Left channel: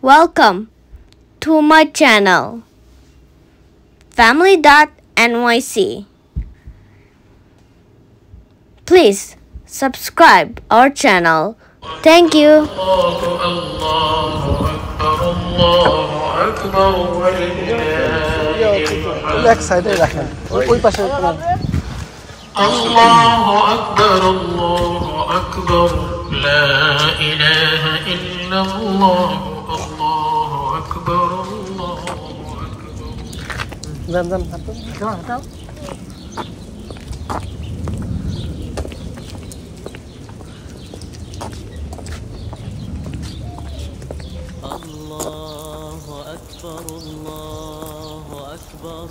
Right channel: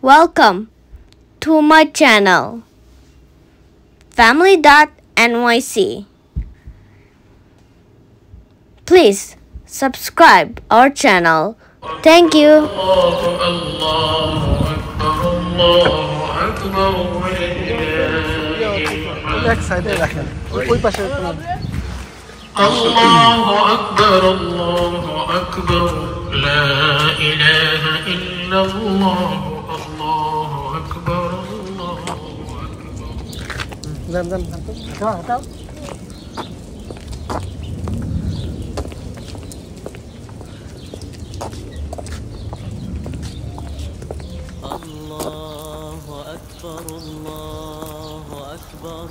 Welcome to my channel, family.nyc. Please subscribe our channel. Thank you. الله أكبر الله أكبر لا إله إلا الله الله أكبر الله أكبر الله أكبر الله أكبر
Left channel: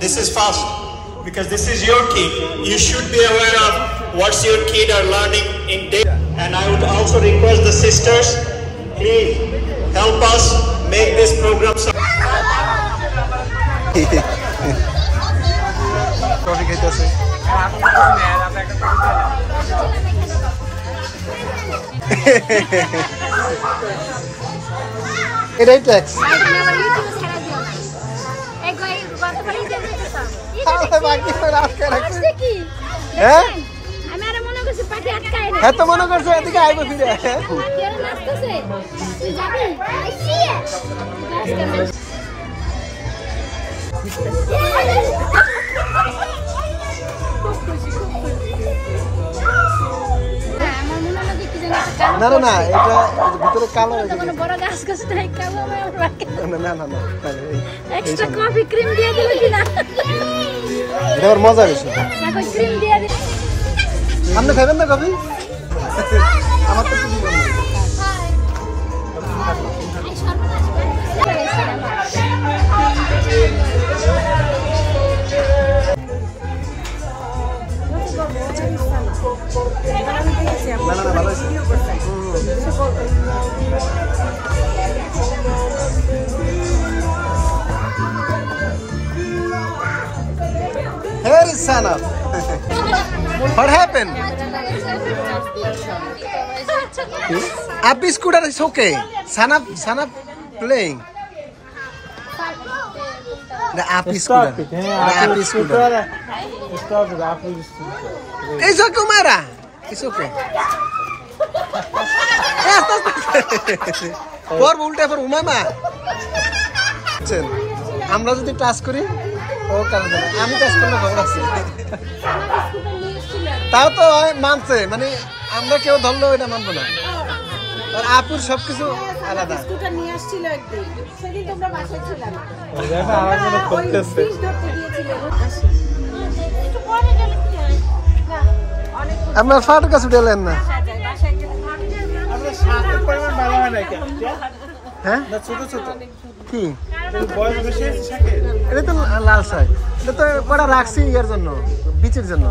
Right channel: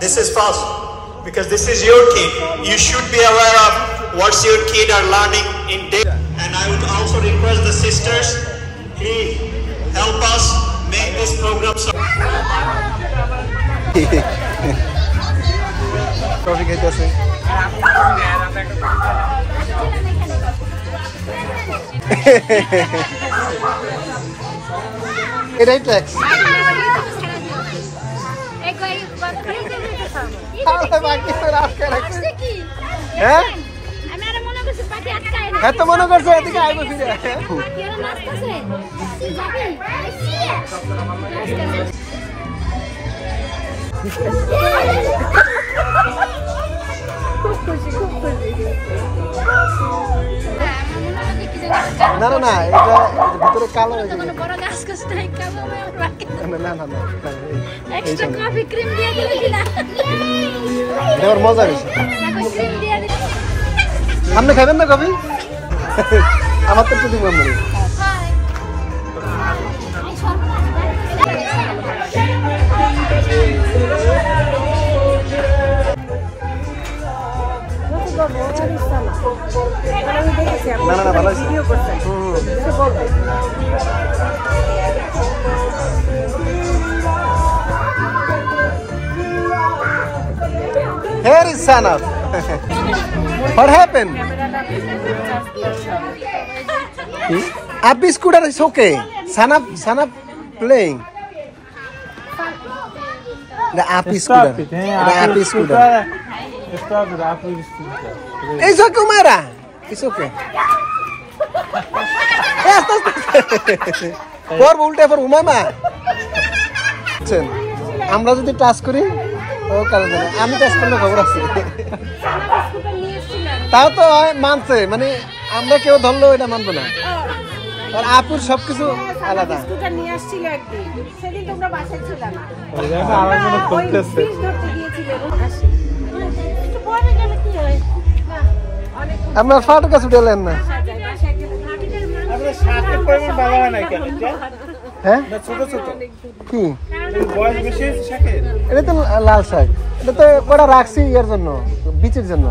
This is fast because this is your kid. You should be aware of what your kid are learning in day. And I would also request the sisters, please help us make this program. এটাই tax হ্যাঁ হ্যাঁ তো মনে করছে এদিকে আইবো ফিরে না না না এটা ভিতরে কালো হয়ে গেছে না না না না এক্সট্রা কফি ক্রিম দিয়ে দিলে কি না এটা ওর মজা বেশি ক্রিম দিয়ে দিলে আপনি খাবেন না কফি আমার তো দিব আমরা না না না ভালো আছে Here is Sanaf. What happened? Abby scooter is okay. Sanaf playing. The Abby scooter. The Abby scooter. It's okay, Mara. It's okay. Yes, that's for ulte for Umama. আমরা যদি টাচ করি ও কারণ আমি টাচ করলে খবর আছে তাও তো মানছে মানে আমরা কেউ ধরলো এটা মানবো না আর আপুর সবকিছু আলাদা নিয়ে আসছিল একদিন সেদিন তোমরা বাসায় ছিলে না ওই ফিশ ধরতে গিয়েছিলে আমরা ফাটকা ছুটেলেন না আমরা শাকের পরিমাণ ভালো হয় না কেন হ্যাঁ ছোট ছোট কি এটা তো লাল শাক এটা তো কটা রাখছি এর জন্য বীজের জন্য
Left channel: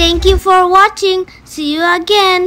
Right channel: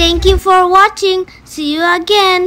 Thank you for watching. See you again.